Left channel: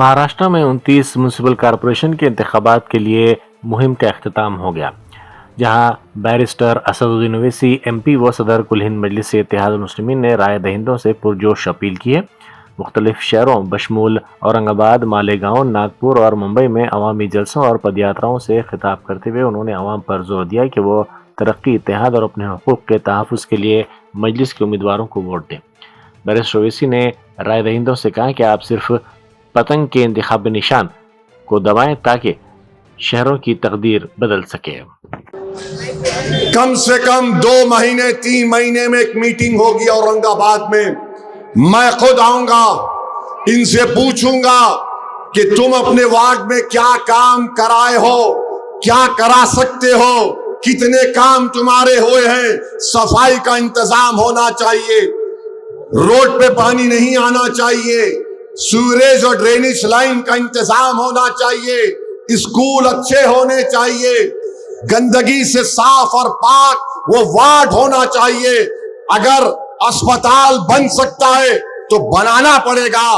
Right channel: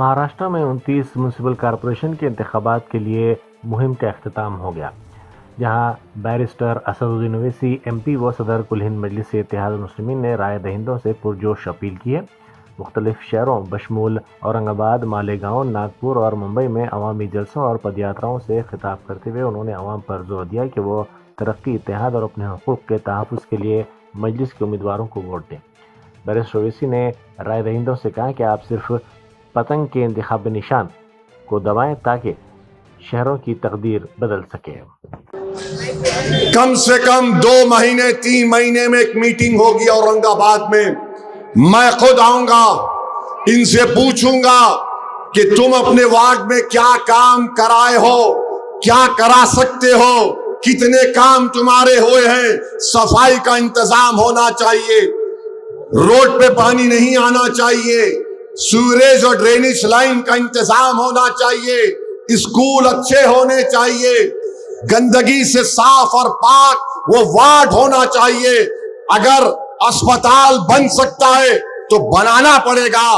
مہاراشٹر میں 29 municipal corporation کے انتخابات کے لیے مہم کا اختتام ہو گیا، جہاں بیرسٹر اسد الدین اویسی ایم پی و صدر کل ہند مجلس اتحاد المسلمین نے رائے دہندوں سے پرجوش اپیل کی ہے۔ مختلف شہروں بشمول اورنگ آباد، مالیگاؤں، ناگپور اور ممبئی میں عوامی جلسوں اور پدیاتراؤں سے خطاب کرتے ہوئے انہوں نے عوام پر زور دیا کہ وہ ترقی، اتحاد اور اپنے حقوق کے تحفظ کے لیے مجلس کے امیدواروں کو ووٹ دیں۔ بیرسٹر اویسی نے رائے دہندوں سے کہا کہ آپ صرف پتنگ کے انتخابی نشان کو دبائیں تاکہ شہروں کی تقدیر بدل سکے۔ کم سے کم 2 مہینے 3 مہینے میں ایک میٹنگ ہوگی اورنگ آباد میں خود آؤں گا، ان سے پوچھوں گا کہ تم اپنے وارڈ میں کیا کام کرائے ہو، کیا کرا سکتے ہو، کتنے کام تمہارے ہوئے ہیں۔ صفائی کا انتظام ہونا چاہیے، روڈ پہ پانی نہیں آنا چاہیے، سیوریج اور ڈرینیج لائن کا انتظام ہونا چاہیے، اسکول اچھے ہونے چاہیے، گندگی سے صاف اور پاک وہ وارڈ ہونا چاہیے۔ اگر اسپتال بن سکتا ہے تو بنانا پڑے گا۔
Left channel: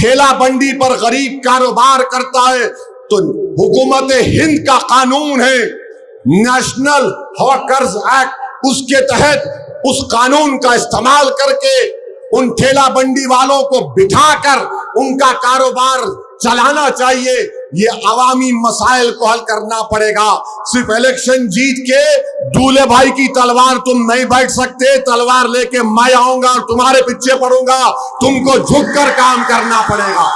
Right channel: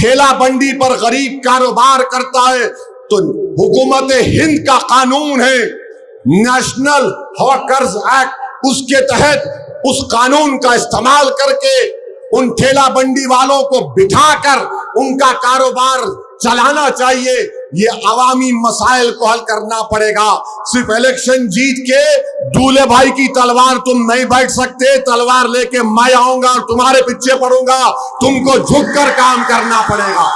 ٹھیلا بنڈی پر غریب کاروبار کرتا ہے تو حکومت ہند کا قانون ہے، نیشنل ہاکرز ایکٹ، اس کے تحت اس قانون کا استعمال کر کے ان ٹھیلا بنڈی والوں کو بٹھا کر ان کا کاروبار چلانا چاہیے۔ یہ عوامی مسائل کو حل کرنا پڑے گا۔ صرف الیکشن جیت کے دولے بھائی کی تلوار تم نہیں بیٹھ سکتے۔ تلوار لے کے میں آؤں گا اور تمہارے پیچھے پڑوں گا، تم کو جھک کر کام کرنا پڑے گا،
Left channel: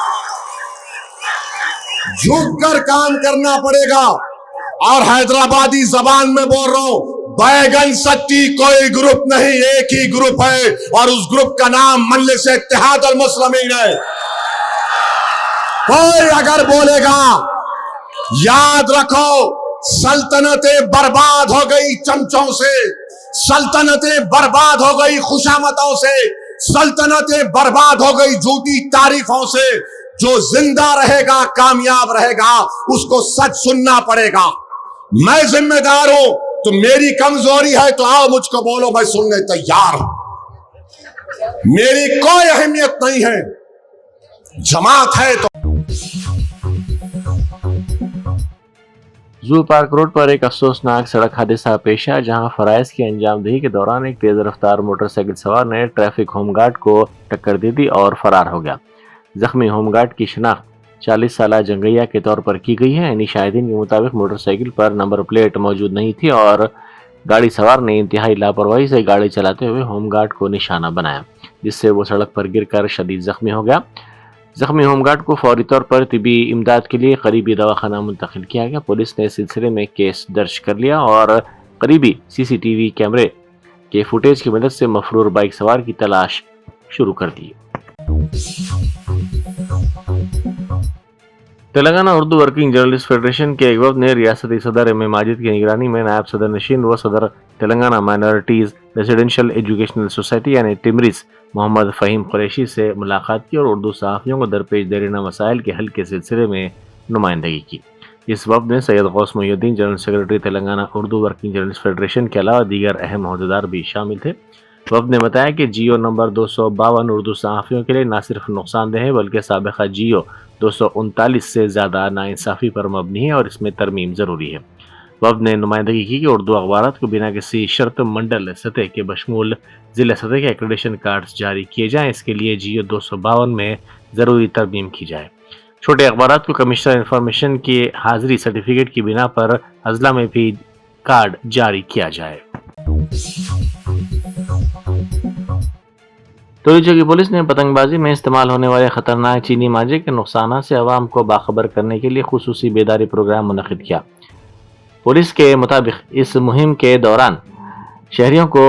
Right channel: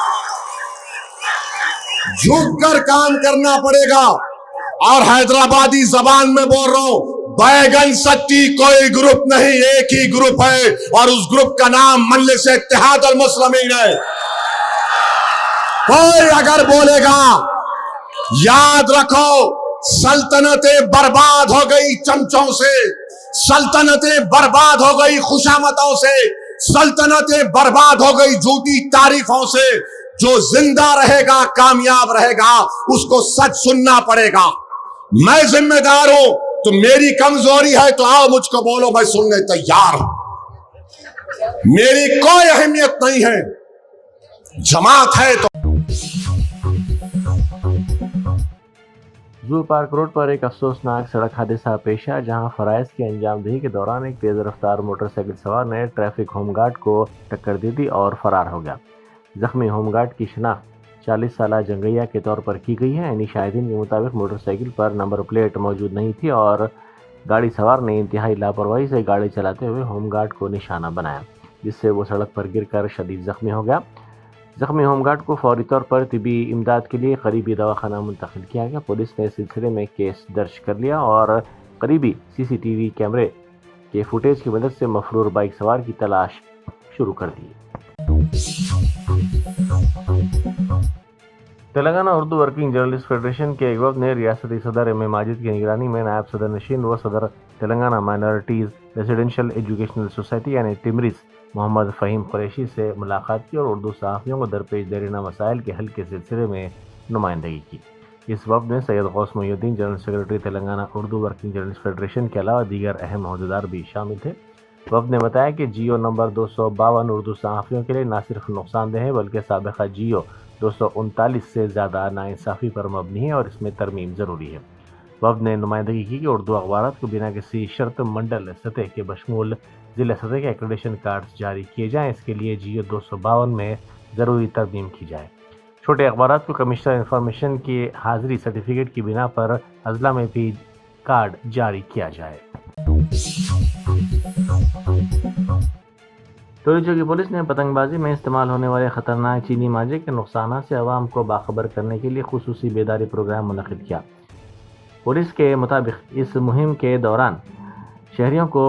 جھک کر کام کرنا پڑے گا۔ اور حیدرآبادی زبان میں بول رہا ہوں، بیگن سٹی کوئی گروپ نہیں، ایک ہی گروپ ہے اور اس گروپ کا نام مجلس اتحاد المسلمین ہے۔ کوئی اگر بولے گا، یاد رکھو سلطنتیں برباد ہو گئی چمچوں سے، سلطنتیں برباد ہو گئی خوشامدوں سے، سلطنتیں برباد ہو گئی جھوٹی تعریفوں سے۔ جو زندہ رہے گا کامیاب رہے گا، اس کو سچ سننا پڑے گا۔ میں ذمہ دار ہوں، تو میری کمزوری ہے تو آؤ مجھ کو بولو، میں سننے تیار ہوں۔ میری کوئی اہمیت نہیں ہے، جماعت ہے تو۔ زو پارک روڈ پر ایک افسوسناک سڑک حادثہ پیش آیا، جہاں فرائض کی انجام دہی کے دوران ایک تیز رفتار موٹر سائیکل سوار نے ٹریفک ہوم گارڈ کو ٹکر دے دی اور فرار ہو گیا۔ زخمی ہوم گارڈ کی شناخت 40 سالہ جنگیا کے طور پر کی گئی ہے۔ یعنی شاہدین کے مطابق موٹر سائیکل پر نمبر پلیٹ موجود نہیں تھی اور گاڑی سوار نے انتہائی لاپرواہی سے گاڑی چلاتے ہوئے ہوم گارڈ کو نشانہ بنایا، جس سے وہ سڑک پر گر کر شدید زخمی ہو گیا۔ زخمی ہوم گارڈ کو فوری طور پر طبی امداد کے لیے قریبی دواخانہ منتقل کیا گیا۔ پولیس نے اس سلسلے میں کیس درج کر لیا اور قریبی سی سی ٹی وی کیمرے کے فوٹیج کی مدد سے مفرور بائک سوار کی تلاش شروع کر دی۔ Telangana Urdu working journalist federation کے ایک گروپ نے ریاستی صدر ایم اے ماجد کی نگرانی میں نائب صدر نشین و صدر Telangana minorities residential educational society یعنی ٹمریز محمد فہیم قریشی سے ملاقات کی اور اردو صحافیوں کو درپیش دیرینہ مسائل کے حل کے سلسلے میں نمائندگی کی۔ اس وفد میں سید غوث محی الدین general secretary Telangana Urdu working journalist federation کے علاوہ دیگر اہم عہدیدار بھی شامل تھے۔ وفد نے بتایا کہ جیو نمبر 252 اردو صحافیوں کے لیے نہ صرف نقصان دہ ہے بلکہ سابقہ جیو 239 سے زیادہ ناانصافی پر مبنی ہے اور اس میں ترمیم ضروری ہے۔ وفد نے نمائندگی کی کہ اردو اخبارات کو بنا کسی شرط منڈل سطح کے بشمول ضلع سطح کے ایکریڈیشن کارڈز جاری کیے جائیں۔ اس کے لیے جیو 252 میں ضروری ترمیم کی جائے۔ چھوٹے اخبارات کو کمشنر انفارمیشن کی حاضری سرٹیفکیٹ کی بنا پر اضلاع میں بھی کارڈ جاری کیا جائے۔ توریچہ کی پولیس نے پتنگ بازی میں استعمال ہونے والے خطرناک چینی مانجھے کے نقصانات سے عوام کو باخبر کرنے کے لیے خصوصی بیداری پروگرام منعقد کیا۔ پولیس کے مطابق اس مہم کے دوران شہریوں کو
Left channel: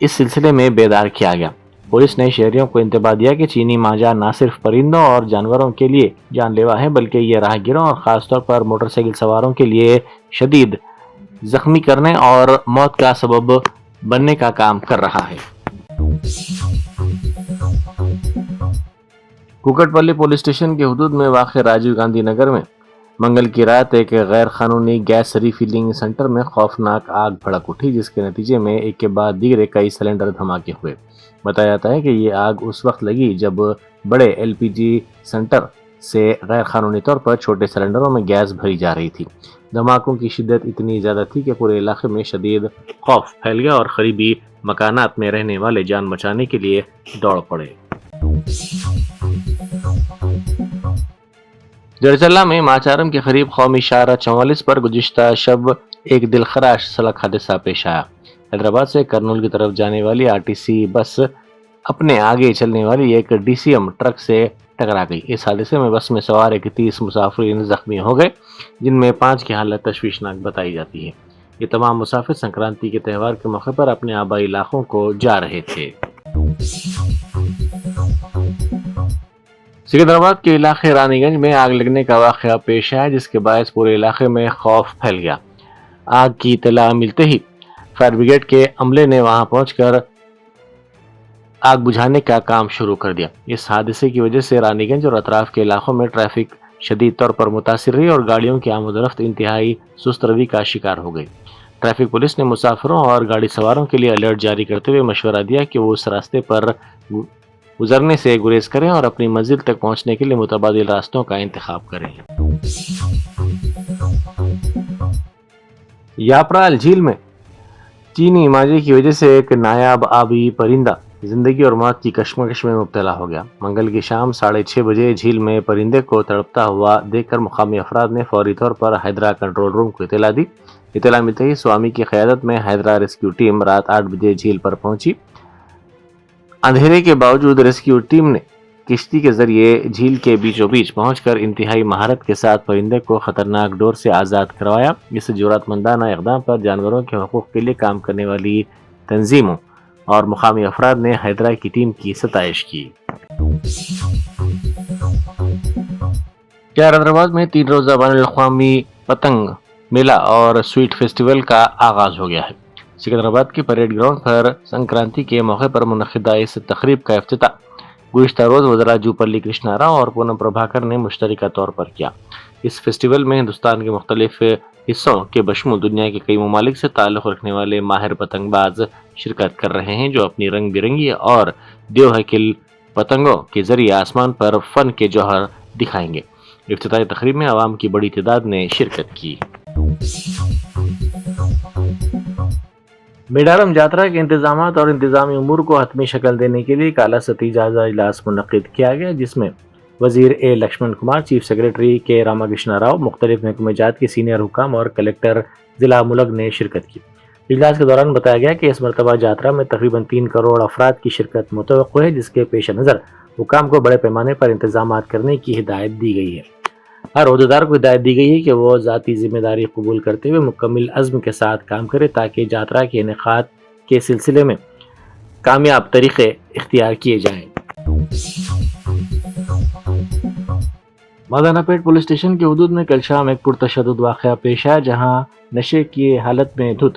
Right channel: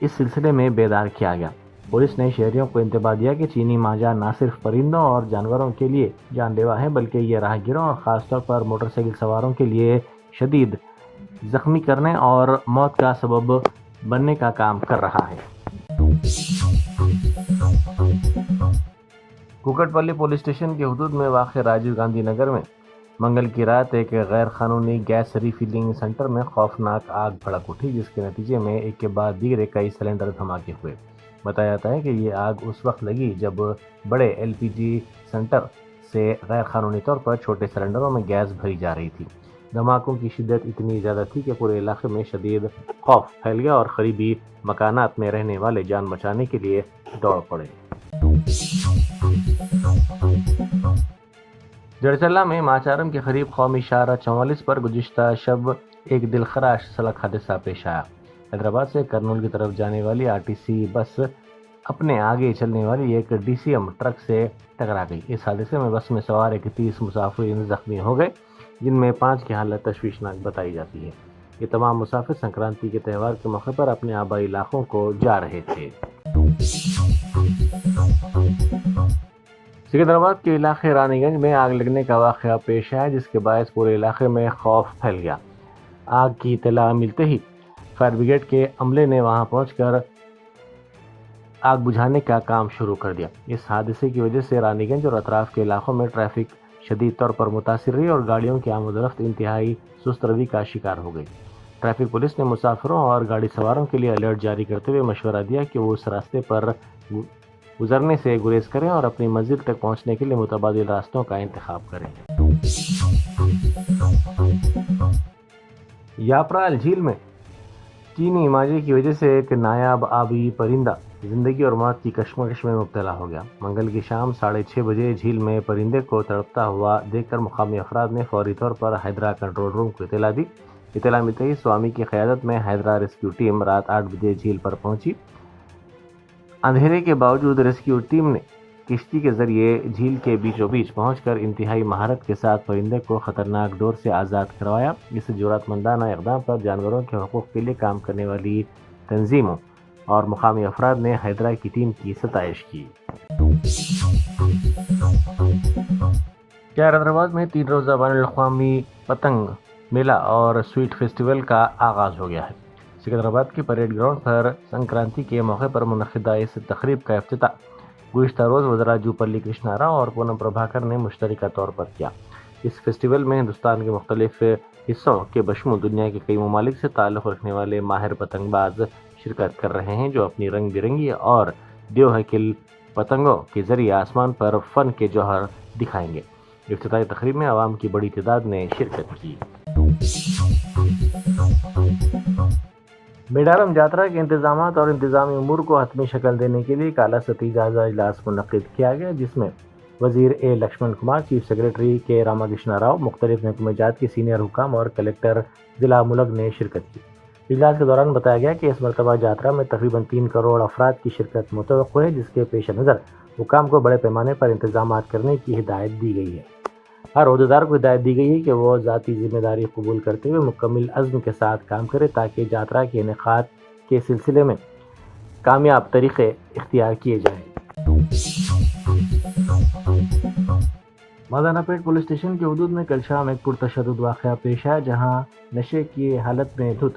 اس سلسلے میں بیدار کیا گیا۔ پولیس نے شہریوں کو انتباہ دیا کہ چینی مانجھا نہ صرف پرندوں اور جانوروں کے لیے جان لیوا ہے بلکہ یہ راہگیروں اور خاص طور پر موٹر سائیکل سواروں کے لیے شدید زخمی کرنے اور موت کا سبب بننے کا کام کر رہا ہے۔ کوکٹ پلی پولیس اسٹیشن کے حدود میں واقع راجیو گاندھی نگر میں منگل کی رات ایک غیر قانونی گیس ری فلنگ سینٹر میں خوفناک آگ بھڑک اٹھی، جس کے نتیجے میں ایک کے بعد دیگر کئی سلنڈر دھماکے ہوئے۔ بتایا جاتا ہے کہ یہ آگ اس وقت لگی جب بڑے ایل پی جی سینٹر से गैर कानूनी तौर पर छोटे सिलेंडरों में गैस भरी जा रही थी। धमाकों की शिद्दत इतनी ज़्यादा थी कि पूरे इलाके में शदीद खौफ फैल गया और करीबी मकानात में रहने वाले जान बचाने के लिए दौड़ पड़े। जरचल्ला में माचारम के करीब कौमी शाहरा 44 पर गुज़िश्ता शब एक दिलखराश सड़क हादसा पेश आया। हैदराबाद से करनूल की तरफ जाने वाली आरटीसी बस अपने आगे चलने वाली एक डीसीएम ट्रक से टकरा गई। इस हादसे में बस में सवार 31 मुसाफिर जख्मी हो गए, जिनमें 5 की हालत तशवीशनाक बताई जाती है। ये तमाम मुसाफिर संक्रांति के त्यौहार के मौके पर अपने आबाई इलाकों को जा रहे थे। सिकंदराबाद के इलाके रानीगंज में आग लगने का वाक़या पेश आया, जिसके बायस पूरे इलाके में खौफ फैल गया। आग की इत्तला मिलते ही फायर ब्रिगेड के अमले ने वहां पहुंचकर आग बुझाने का काम शुरू कर दिया। इस हादसे की वजह से रानीगंज और अतराफ के इलाकों में ट्रैफिक शदीद तौर पर मुतासिर रही और गाड़ियों की आमद-ओ-रफ्त इंतहाई सुस्त रवि का शिकार हो गई। ट्रैफिक पुलिस ने मुसाफिरों और गाड़ी सवारों के लिए अलर्ट जारी करते हुए मशवरा दिया कि वो उस रास्ते पर गुजरने से गुरेज करें और अपनी मंजिल तक पहुंचने के लिए मुतबादिल रास्तों का इंतखाब करें। याप्राल झील में चीनी माजे की वजह से एक नायाब आबी परिंदा जिंदगी और मौत की कश्मकश में मुब्तला हो गया। मंगल की शाम 6:30 बजे झील में परिंदे को तड़पता हुआ देखकर मुकामी अफराद ने फौरी तौर पर हैदरा कंट्रोल रूम को इत्तला दी। इत्तला मिलते ही स्वामी की क़यादत में हैदरा रेस्क्यू टीम रात 8 बजे झील पर पहुंची। अंधेरे के बावजूद रेस्क्यू टीम ने किश्ती के जरिए झील के बीचों बीच पहुंचकर इंतहाई महारत के साथ परिंदे को खतरनाक डोर से आज़ाद करवाया। इस जुर्रतमंदाना इक़दाम पर जानवरों के हकूक़ के लिए काम करने वाली तंजीमों और मुकामी अफराद ने हैदरा की टीम की सताइश की। हैदराबाद में 3 रोज़ा बैनुल-अक़वामी पतंग मेला और स्वीट फेस्टिवल का आगाज हो गया है। सिकंदराबाद के परेड ग्राउंड पर संक्रांति के मौके पर मुनक़िदा इस तकरीब का इफ्तिताह गुज़िश्ता रोज़ वज़रा जूपल्ली कृष्णा राव और पूनम प्रभाकर ने मुश्तरका तौर पर किया। इस फेस्टिवल में हिंदुस्तान के मुख्तलिफ हिस्सों के बशमूल दुनिया के कई ममालिक से ताल्लुक़ रखने वाले माहिर पतंगबाज शिरकत कर रहे हैं, जो अपनी रंग बिरंगी और देवहकिल पतंगों के जरिए आसमान पर फ़न के जौहर दिखाएंगे। इफ्तिताही तकरीब में आवाम की बड़ी तादाद ने शिरकत की। मेडारम यात्रा के इंतजामात और इंतजामी उमूर को हतमी शक्ल देने के लिए काला सती जायजा इजलास मुनक़िद किया गया, जिसमें वज़ीर ए लक्ष्मण कुमार, चीफ सेक्रेटरी के रामाकृष्णा राव, मुख्तलिफ महकमे जात के सीनियर हुकाम और कलेक्टर ज़िला मुलग ने शिरकत की। इजलास के दौरान बताया गया कि इस मरतबा यात्रा में तकरीबन 3 करोड़ अफराद की शिरकत मुतवक्को है, जिसके पेश नज़र हुकाम को बड़े पैमाने पर इंतजामात करने की हिदायत दी गई है। हर ओहदेदार को हिदायत दी गई है कि वो ज़ाती जिम्मेदारी कबूल करते हुए मुकम्मल अज़्म के साथ काम करे, ताकि यात्रा के इनेकाद के सिलसिले में कामयाब तरीक़े इख्तियार किए जाएँ। मादानापेट पुलिस स्टेशन के हुदूद में कल शाम एक पुरतशद्दुद वाक़या पेश आया, जहां नशे की हालत में धुत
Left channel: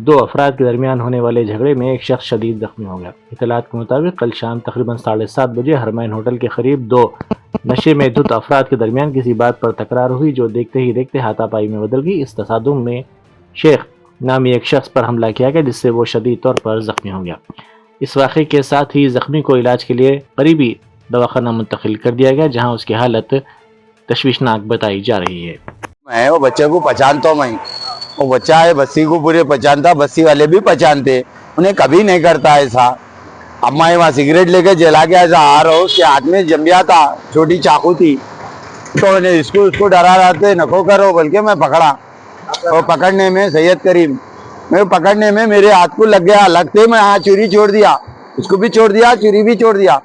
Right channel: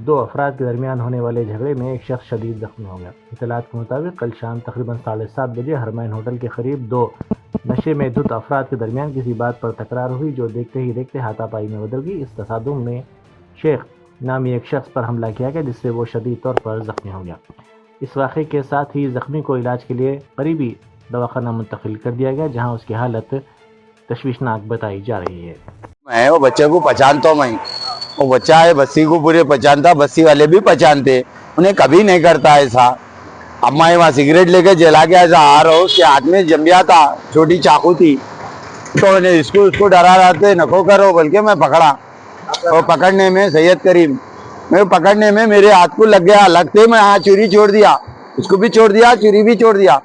2 अफराद के दरमियान होने वाले झगड़े में एक शख्स शदीद जख्मी हो गया। इत्तलात के मुताबिक कल शाम तकरीबन 7:30 बजे हरमैन होटल के करीब 2 नशे में धुत अफराद के दरमियान किसी बात पर तकरार हुई, जो देखते ही देखते हाथापाई में बदल गई। इस तसादुम में शेख नामी एक शख्स पर हमला किया गया, जिससे वो शदीद तौर पर जख्मी हो गया। इस वाक़े के साथ ही जख्मी को इलाज के लिए करीबी दवाखाना मुंतकिल कर दिया गया, जहाँ उसकी हालत तशवीशनाक बताई जा रही है। मैं वो बच्चे को पहचानता हूँ, मैं वो बच्चा है बस्ती को पूरे पहचानता, बस्ती वाले भी पहचानते, उन्हें कभी नहीं करता ऐसा। अब मैं वहाँ सिगरेट लेके जला के ऐसा आ रहा हूँ, उसके हाथ में जमिया था, छोटी चाकू थी, तो उन्हें उसको डरा रहा थे, नको करो बोल के मैं पकड़ा। और पकड़ने में सैयद करीम मैं पकड़ने में मेरे हाथ को लग गया, लगते मैं हाँ चूरी छोड़ दिया, उसको भी छोड़ दिया, चूरी भी छोड़ दिया।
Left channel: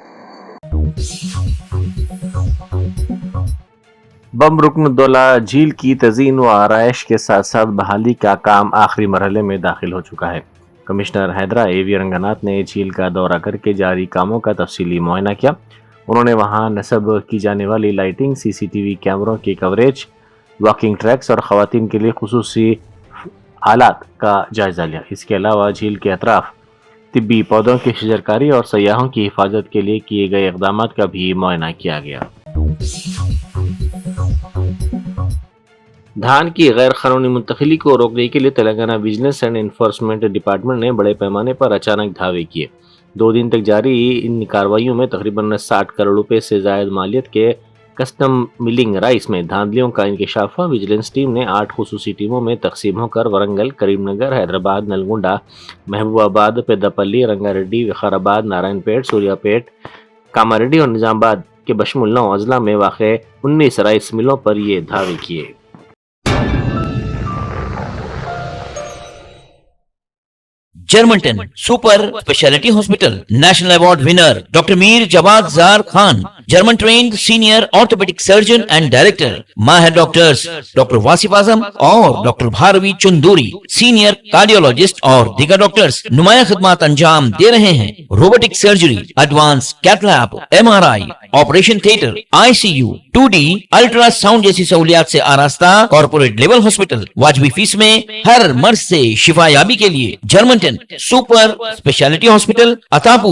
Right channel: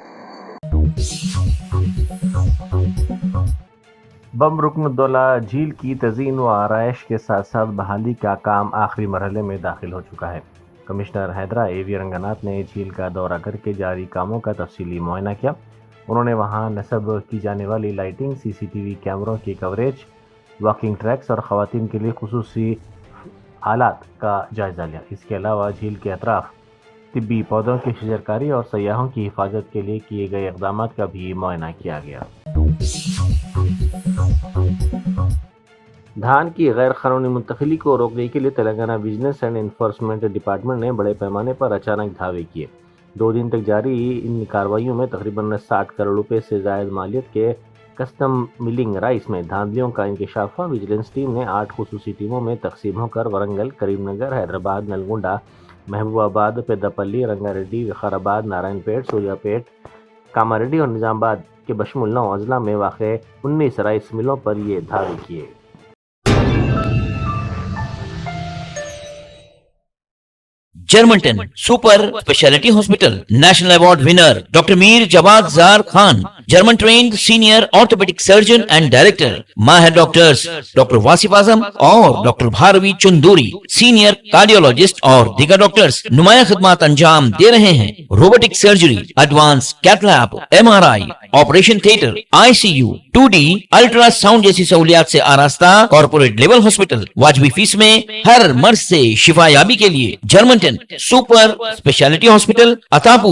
बम रुकनुद्दौला झील की तज़ीन व आराइश के साथ साथ बहाली का काम आखिरी मरहले में दाखिल हो चुका है। Commissioner Hydra A.V.. रंगनाथ ने झील का दौरा करके जारी कामों का तफसीली मुआयना किया। उन्होंने वहां नस्ब की जाने वाली लाइटिंग, सीसीटीवी कैमरों की कवरेज, वॉकिंग ट्रैक्स और ख़वातीन के लिए खुसूसी आलात का जायज़ा लिया। इसके अलावा झील के अतराफ तिब्बी पौधों की शजरकारी और सयाहों की हिफाजत के लिए किए गए इक़दाम का भी मुआयना किया गया। धान की गैर कानूनी मुंतकिली को रोकने के लिए Telangana vigilance and enforcement department ने बड़े पैमाने पर अचानक धावे किए। 2 दिन तक जारी इन कार्रवाइयों में तकरीबन 60 करोड़ रुपए से ज़ायद मालियत के कस्टम मिलिंग राइस में धांधलियों का इंकशाफ हुआ। विजिलेंस टीम ने 8 खुसूसी टीमों में तकसीम होकर वरंगल, करीमनगर, हैदराबाद, नलगुंडा, महबूबाबाद, पेद्दापल्ली, रंगारेड्डी, विकाराबाद, नारायणपेट, सूर्यापेट, कामारेड्डी और निजामाबाद के बशमुल 9 अजला में वाक़े 19 राइस मिलों पर ये धावे किए। Germanton super speciality hospital national award winner doctor Mir Jawad Jar Khan, German trained senior orthopaedic surgeon and director, माहिर डॉक्टर्स डॉक्टर वासिफ आजम और doctor Bharvi Chanduri, senior cardiologist और दीगर डॉक्टर्स नुमाया खिदमत अंजाम दे रहे हैं। Robotic surgery, advance cath lab, MRI, operation theatre, ICU, 2D ultrasound जैसी सहूलियात से आरास्ता कॉर्पोरेट लेवल हॉस्पिटल, वाजबी फीस में हर मर्ज से शिफायाबी के लिए Germanton super speciality hospital, Attapur,